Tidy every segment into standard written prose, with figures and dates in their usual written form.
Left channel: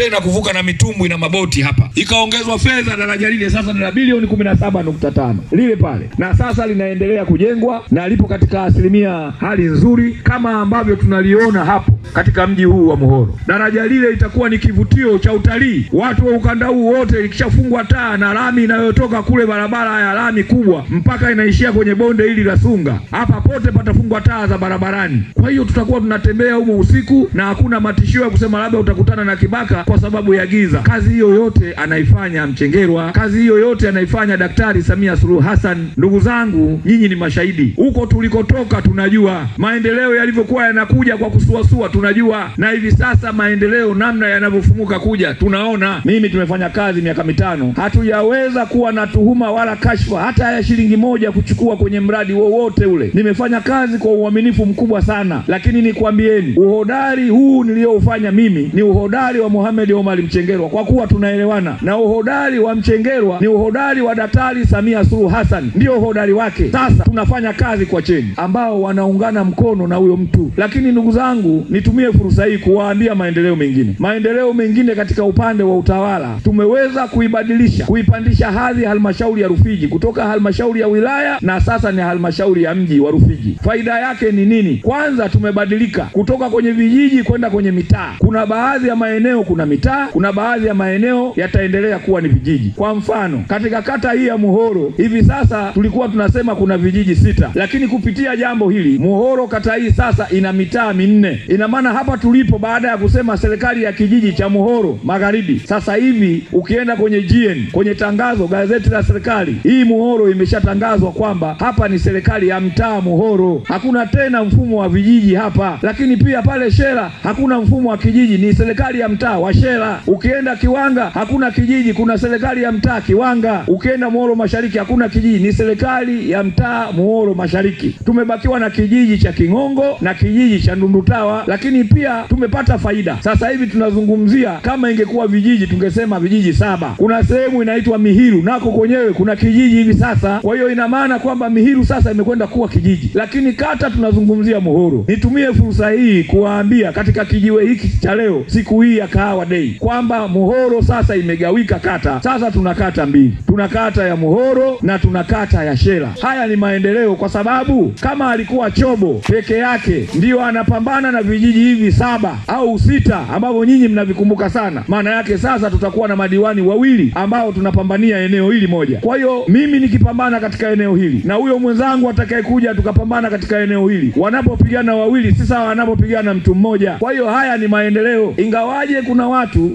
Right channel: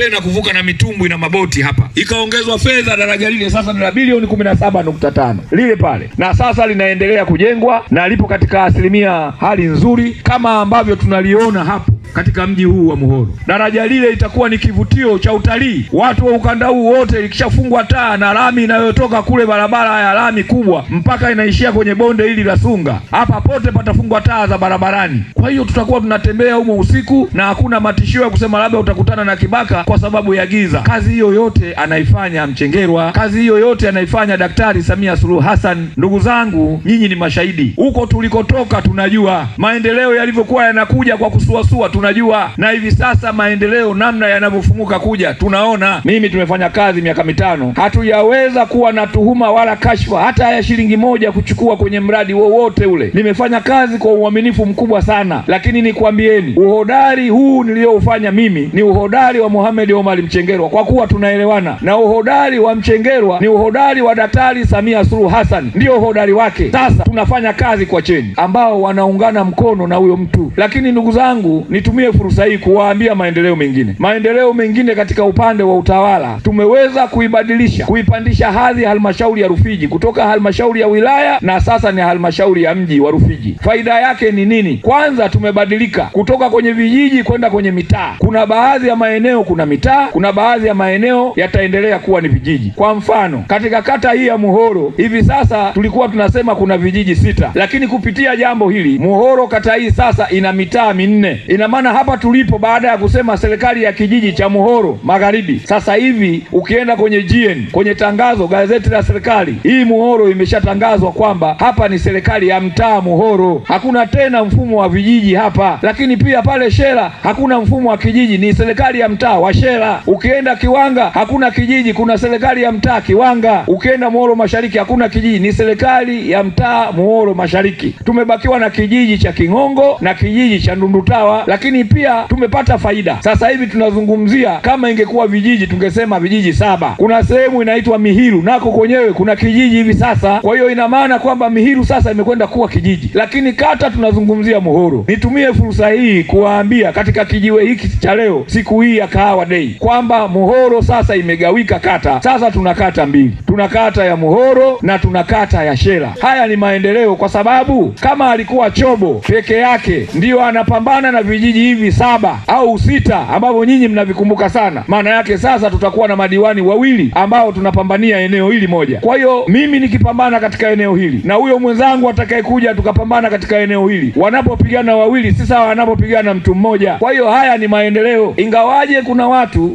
tena kuvuka na mitumbwi na maboti hapa. Ikaongezwa fedha, daraja lile sasa ni bilioni 17.5 lile pale, na sasa linaendelea kujengwa na lipo katika asilimia hali nzuri kama ambavyo tunaliona hapo katika mji huu wa Muhoro. Daraja lile itakuwa ni kivutio cha utalii. Watu wa ukanda huu wote likishafungwa taa na lami inayotoka kule barabara ya lami kubwa mpaka inaishia kwenye bonde hili la Sunga, hapa pote patafungwa taa za barabarani. Kwa hiyo tutakuwa tunatembea humo usiku na hakuna matishio ya kusema labda utakutana na kibaka kwa sababu ya giza. Kazi hiyo yote anaifanya Mchengerwa, kazi hiyo yote anaifanya Daktari Samia Suluhu Hassan. Ndugu zangu, nyinyi ni mashahidi. Huko tulikotoka tunajua maendeleo yalivyokuwa yanakuja kwa kusuasua, tunajua, na hivi sasa maendeleo namna yanavyofumuka kuja tunaona. Mimi tumefanya kazi miaka 5, hatujaweza kuwa na tuhuma wala kashfa hata ya shilingi moja kuchukua kwenye mradi wowote ule. Nimefanya kazi kwa uaminifu mkubwa sana, lakini nikwambieni, uhodari huu nilioufanya mimi ni uhodari wa Mohamed Omar Mchengerwa, kwa kuwa tunaelewana, na uhodari wa Mchengerwa ni uhodari wa Daktari Samia Suluhu Hassan, ndio uhodari wake. Sasa tunafanya kazi kwa cheni ambao wanaungana mkono na huyo mtu. Lakini ndugu zangu, nitumie fursa hii kuwaambia maendeleo mengine katika upande wa utawala. Tumeweza kuibadilisha, kuipandisha hadhi halmashauri ya Rufiji kutoka halmashauri ya wilaya na sasa ni halmashauri ya mji wa Rufiji. Faida yake ni nini? Kwanza tumebadilika kutoka kwenye vijiji kwenda kwenye mitaa. Kuna baadhi ya maeneo kuna mitaa, kuna baadhi ya maeneo yataendelea kuwa ni vijiji. Kwa mfano, katika kata hii ya Muhoro hivi sasa tulikuwa tunasema kuna vijiji 6, lakini kupitia jambo hili Muhoro kata hii sasa ina mitaa 4. Ina maana hapa tulipo, baada ya kusema serikali ya kijiji cha Muhoro Magharibi, sasa hivi ukienda kwenye GN, kwenye tangazo gazeti la serikali, hii Muhoro imeshatangazwa kwamba hapa ni serikali ya mtaa Muhoro. Hakuna tena mfumo wa vijiji hapa. Lakini pia pale Shela hakuna mfumo wa kijiji, ni serikali ya mtaa wa Shela. Ukienda Kiwanga hakuna kijiji, kuna serikali ya mtaa Kiwanga. Ukienda Muhoro Mashariki hakuna kijiji, ni serikali ya mtaa Muhoro Mashariki. Tumebakiwa na kijiji cha Kingongo na kijiji cha Ndundutawa, lakini pia tumepata faida. Sasa hivi tunazungumzia, kama ingekuwa vijiji tungesema vijiji 7. Kuna sehemu inaitwa Mihiru, nako kwenyewe kuna kijiji hivi sasa. Kwa hiyo ina maana kwamba Mihiru sasa imekwenda kuwa kijiji, lakini kata tunazungumzia Muhoro. Nitumie fursa hii kuwaambia katika kijiwe hiki cha leo, siku hii ya Kahawa Day, kwamba Muhoro sasa imegawika kata. Sasa tuna kata 2. Tuna kata ya Muhoro na tuna kata ya Shela. Haya ni maendeleo, kwa sababu kama alikuwa Chobo peke yake ndio anapambana na vijiji hivi 7 au 6 ambavyo nyinyi mnavikumbuka sana, maana yake sasa tutakuwa na madiwani 2 ambao tunapambania eneo hili moja. Kwa hiyo mimi nikipambana katika eneo hili na huyo mwenzangu atakayekuja tukapambana katika eneo hili, wanapopigana 2 si sawa wanapopigana mtu mmoja. Kwa hiyo haya ni maendeleo, ingawaje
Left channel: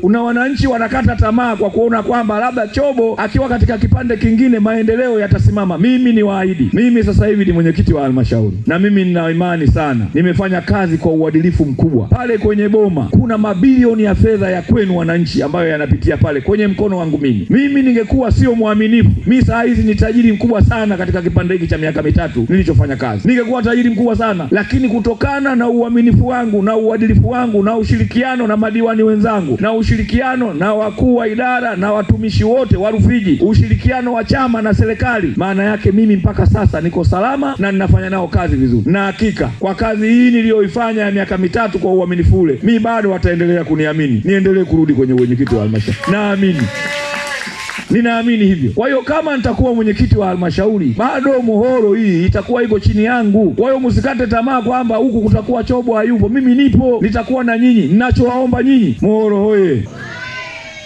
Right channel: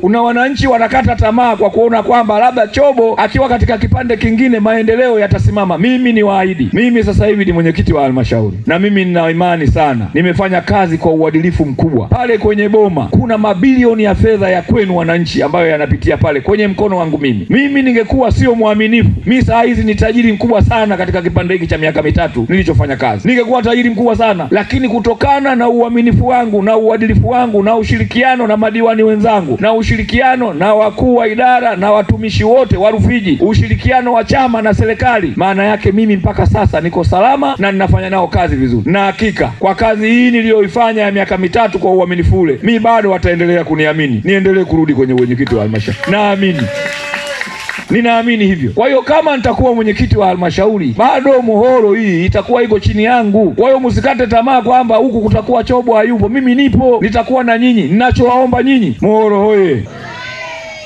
kuna wananchi wanakata tamaa kwa kuona kwamba labda Chobo akiwa katika kipande kingine maendeleo yatasimama. Mimi ni waahidi, mimi sasa hivi ni mwenyekiti wa halmashauri, na mimi nina imani sana, nimefanya kazi kwa uadilifu mkubwa. Pale kwenye Boma kuna mabilioni ya fedha ya kwenu wananchi ambayo yanapitia pale kwenye mkono wangu mimi. Mimi ningekuwa sio muaminifu, mimi saa hizi ni tajiri mkubwa sana katika kipande hiki cha miaka 3 nilichofanya kazi. Ningekuwa tajiri mkubwa sana, lakini kutokana na uaminifu wangu na uadilifu wangu na ushirikiano na madiwani wenzangu na ushirikiano na wakuu wa idara na watumishi wote wa Rufiji, ushirikiano wa chama na serikali, maana yake mimi mpaka sasa niko salama na ninafanya nao kazi vizuri. Na hakika kwa kazi hii niliyoifanya ya miaka 3 kwa uaminifu ule, mimi bado wataendelea kuniamini niendelee kurudi kwenye mwenyekiti wa halmashauri. Naamini, ninaamini hivyo. Kwa hiyo kama nitakuwa mwenyekiti wa halmashauri, bado Muhoro hii itakuwa iko chini yangu. Kwa hiyo msikate tamaa kwamba huku kutakuwa Chobo hayupo. Mimi nipo, nitakuwa na nyinyi. Ninachowaomba nyinyi, Muhoro hoye.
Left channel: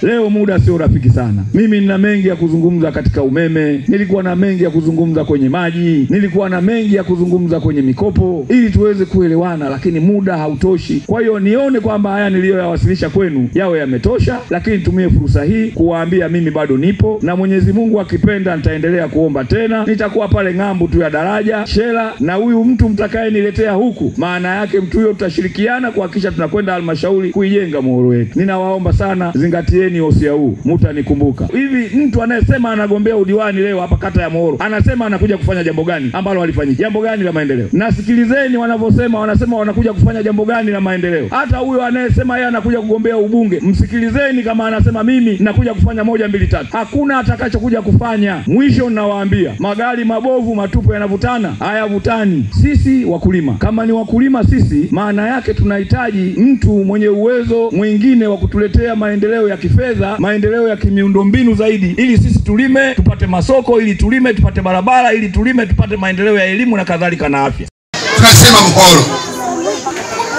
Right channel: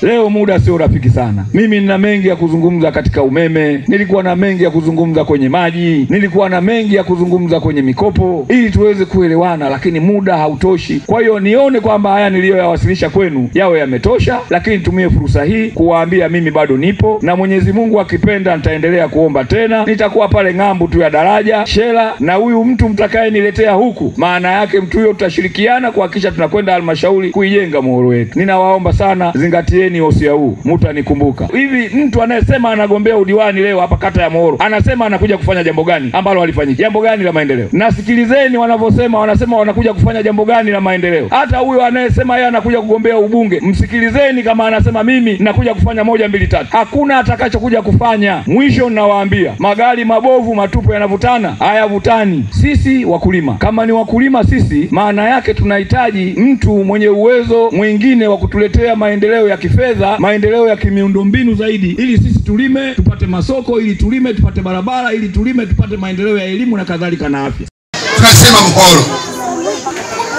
Leo muda sio rafiki sana. Mimi nina mengi ya kuzungumza katika umeme, nilikuwa na mengi ya kuzungumza kwenye maji, nilikuwa na mengi ya kuzungumza kwenye mikopo, ili tuweze kuelewana, lakini muda hautoshi. Kwa hiyo nione kwamba haya niliyoyawasilisha kwenu yawe yametosha, lakini tumie fursa hii kuwaambia mimi bado nipo, na Mwenyezi Mungu akipenda nitaendelea kuomba tena. Nitakuwa pale ng'ambu tu ya daraja Shela, na huyu mtu mtakaye niletea huku, maana yake mtu huyo tutashirikiana kuhakikisha tunakwenda halmashauri kuijenga Muhoro wetu. Ninawaomba sana, zingatieni sikilizeni hosia huu, mtanikumbuka. Hivi mtu anayesema anagombea udiwani leo hapa kata ya Mohoro, anasema anakuja kufanya jambo gani ambalo walifanyika? Jambo gani la maendeleo? Na sikilizeni wanavyosema, wanasema wanakuja kufanya jambo gani la maendeleo. Hata huyo anayesema yeye anakuja kugombea ubunge, msikilizeni kama anasema mimi nakuja kufanya 1 2 3. Hakuna atakachokuja kufanya. Mwisho ninawaambia, magari mabovu matupu yanavutana, hayavutani. Sisi wakulima, kama ni wakulima sisi, maana yake tunahitaji mtu mwenye uwezo mwingine wa kutuletea maendeleo ya kifedha, maendeleo ya kimiundombinu zaidi, ili sisi tulime tupate masoko, ili tulime tupate barabara, ili tulime tupate maendeleo ya elimu na kadhalika na afya. Tunasema Mohoro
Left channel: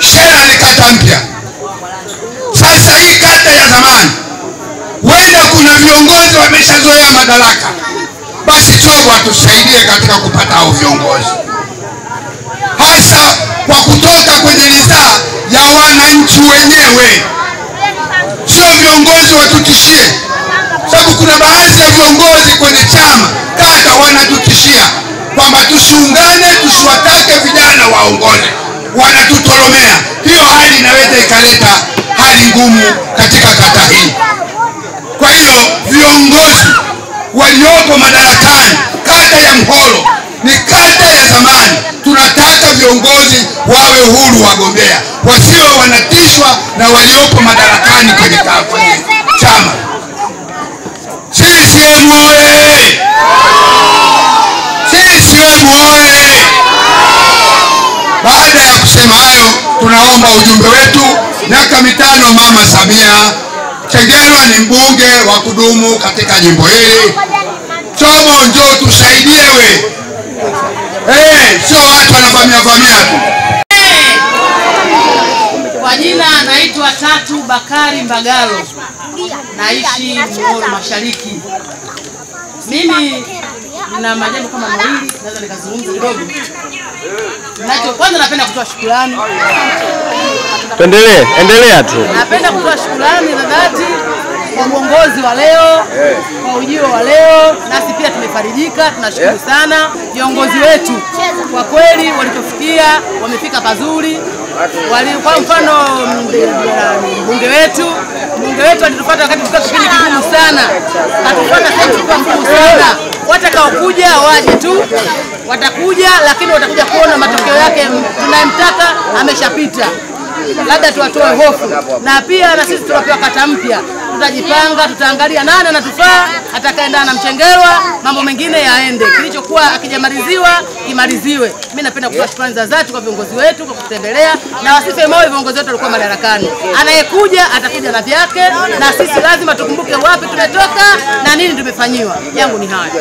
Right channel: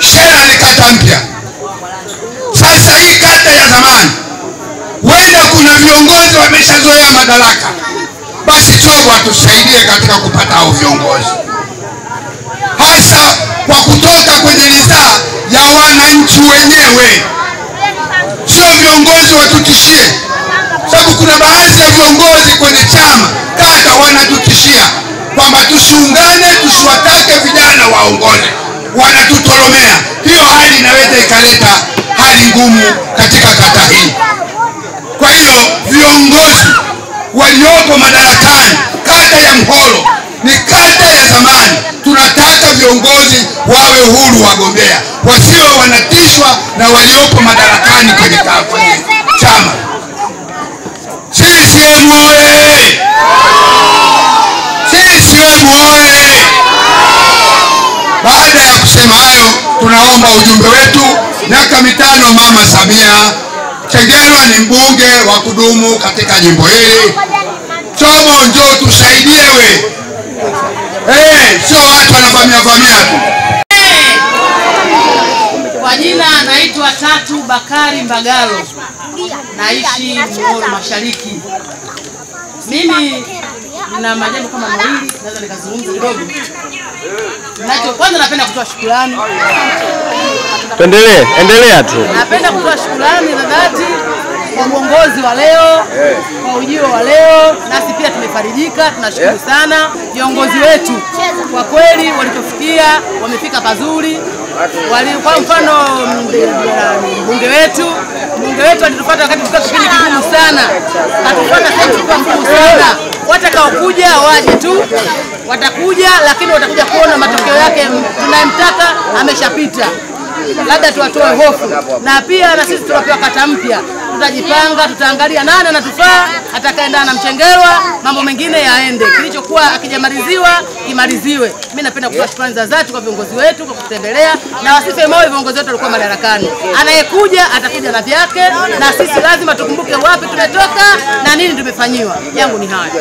Shela ni kata mpya. Sasa hii kata ya zamani, wenda kuna viongozi wameshazoea madaraka, basi Chobo atusaidie katika kupata hao viongozi, hasa kwa kutoka kwenye ridhaa ya wananchi wenyewe, sio viongozi watutishie. Sababu kuna baadhi ya viongozi kwenye chama kata wanatutishia kwamba tusiungane, tusiwatake vijana waongoze, wanatutoromea. Hiyo hali inaweza ikaleta hali ngumu katika kata hii. Kwa hiyo viongozi waliopo madarakani, kata ya Mohoro ni kata ya zamani, tunataka viongozi wawe huru, wagombea wasiwe wanatishwa na waliopo madarakani kwenye chama. CCM oye! CCM oye! Baada ya kusema hayo, tunaomba ujumbe wetu. Miaka 5 Mama Samia. Chengerwa ni mbunge wa kudumu katika jimbo hili. Chobo njoo tusaidie we. Sio watu wanavamia tu. Kwa jina naitwa Tatu Bakari Mbagalo. Naishi Mohoro Mashariki. Mimi nina majambo kama mawili naweza nikazungumza kidogo. Kwanza napenda kutoa shukrani. Endelea tu. Napenda kutoa shukrani za dhati kwa uongozi wa leo, kwa ujio wa leo. Nasi pia tumefarijika, tunashukuru sana viongozi wetu. Kwa kweli walipofikia wamefika pazuri. Kwa mfano mbunge wetu alitufuata wakati tulikuwa kipindi kigumu sana. Atufuata sasa tulikuwa ngumu sana. Watakaokuja waje tu, watakuja, lakini watakuja kuona matokeo yake tunayemtaka ameshapita. Labda tuwatoe hofu. Na pia na sisi tunapewa kata mpya. Tutajipanga, tutaangalia nani anatufaa, atakaendana na Mchengerwa, mambo mengine yaende. Kilichokuwa akijamaliziwa kimaliziwe. Mimi napenda kutoa shukrani za dhati kwa viongozi wetu kwa kutembelea, na wasife moyo viongozi wetu walikuwa madarakani. Anayekuja atakuja na vyake, na sisi lazima tukumbuke wapi tumetoka na nini tumefanyiwa. Yangu ni haya.